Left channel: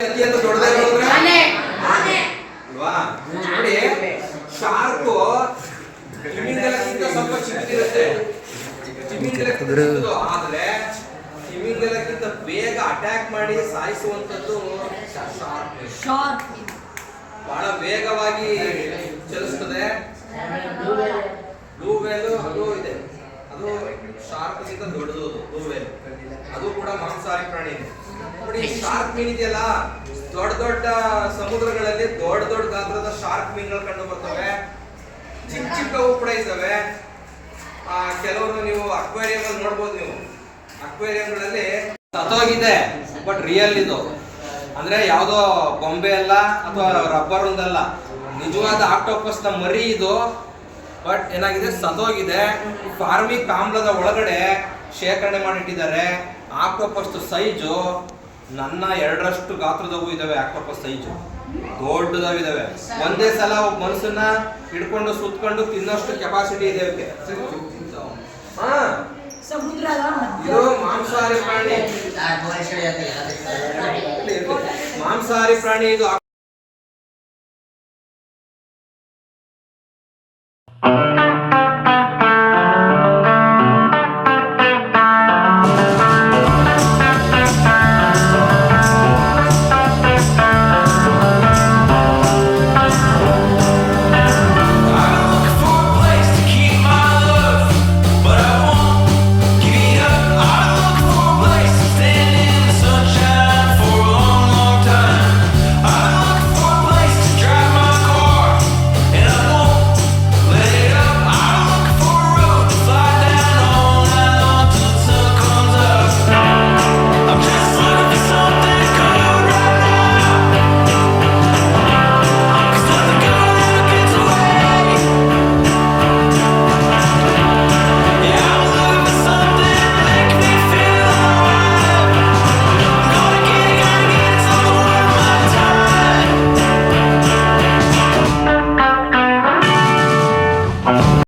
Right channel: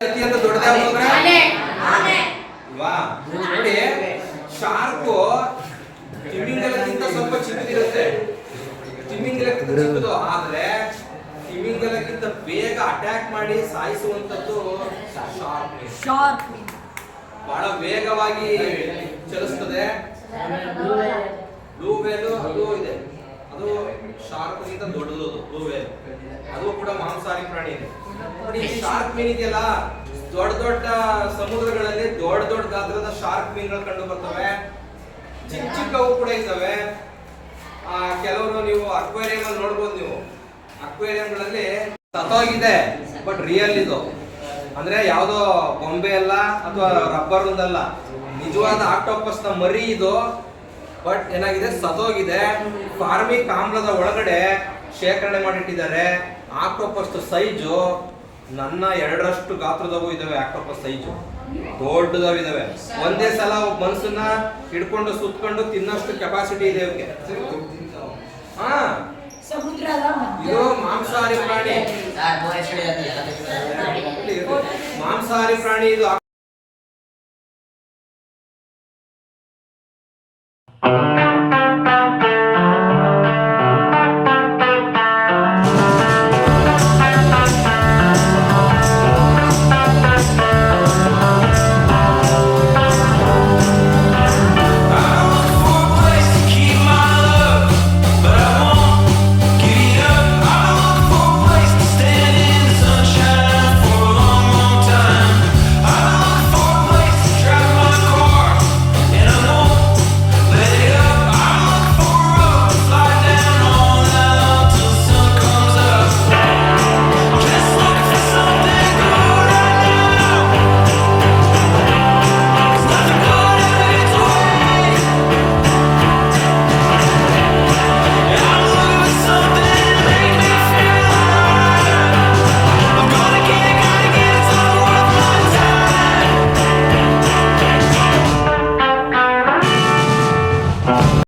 ಅತ್ಯಂತ ದೊಡ್ಡದಾಗಿ ನೋಡಿ ಶಾರ್ಕು ತಿಮಿಂಗಲಕ್ಕಿಂತ ಸ್ವಲ್ಪ ಚಿಕ್ಕದಿರುತ್ತೆ ತಿಮಿಂಗಲಕ್ಕಿಂತ ಆದ್ರೆ ತಿಮಿಂಗಲಕ್ಕಿಂತ ಬೇಗ ಅಟ್ಯಾಕ್ ಮಾಡಿ ಸಾಯಿಸುವಂತದ್ದು ಶಾರ್ಕ್ ಶಾರ್ಕ್ ಬಹಳ ವೇಗವಾಗಿ ಚಲಿಸ್ತದೆ ಬ್ಲೂ ವೇಲು ಅದು ಇದೆ ಅದು ಶಾರ್ಕ್ ಗಿಂತ ದೊಡ್ಡದು ಬ್ಲೂ ಅದು ಕೂಡ ಮಾಂಸಾಹಾರಿ ಪ್ರಾಣಿ. ನೋಡಿ ಶಾರ್ಕ್ ಮೀನ್ ಇದೆಯಲ್ಲ ದೊಡ್ಡ ದೊಡ್ಡ ಸಮುದ್ರಗಳಲ್ಲಿ ದೊಡ್ಡ ದೊಡ್ಡ ಗಾತ್ರದ ಶಾರ್ಕ್ ಮೀನ್ಗಳು ಕಂಡು ಬರ್ತವೆ. ಚಿಕ್ಕ ಚಿಕ್ಕವು ಕೂಡ ಇದ್ದಾವೆ. ಆ ಕೆಲವರು ನೀವು ಅಕ್ವೇರಿಯಂ ಅಲ್ಲಿ ನೋಡ್ಬೋದು ನೀವು. ಅಕ್ವೇರಿಯಂಗಳಲ್ಲಿ ಸತ್ತೋಗಿದೆ ಬಟ್ ರಿಯಲ್ ಇದು. ಅಂದ್ರೆ ಯಾವ್ದೋ ಬೊಂಬೆ ಅಲ್ಲ ಅಥವಾ ರಬ್ಬರ್ ಒಂದಲ್ಲ. ನಿಜವಾದ ಆಕ್ಟೋಪಸ್ನ ಮರಿ ಇದು. ಬಟ್ ಏನಾಗಿದೆ? ಸತೋಗಿದೆ ಫಾರ್ಮಿಕ್ ಆಮ್ಲದ ಒಳಗಡೆ ಶೇಖರಣೆ ಮಾಡಿಟ್ಟಿದ್ದಾರೆ. ಆಕ್ಟೋಪಸ್ ಸೈಜು ನನ್ನ ಎರಡರಷ್ಟು ಗಾತ್ರದವು ಇದಾವೆ ಆಕ್ಟೋಪಸ್ ಸೈಜು. ದೊಡ್ಡದಾವಿದಾವೆ ಒಂದೇ ಸಲ ಒಬ್ಬ ಮನುಷ್ಯನ ಹಿಡ್ಕೊಂಡು ಸುತ್ಕೊಂಡು ತಿನ್ನಷ್ಟು ಕೆಪಾಸಿಟಿ ಇದೆ ಅವಕ್ಕೆ ಹಾ. ಇದು ಮಾಂಸಾಹಾರಿ ಪ್ರಾಣಿ. ಮಾಂಸಾಹಾರಿ ಪ್ರಾಣಿ ಇದು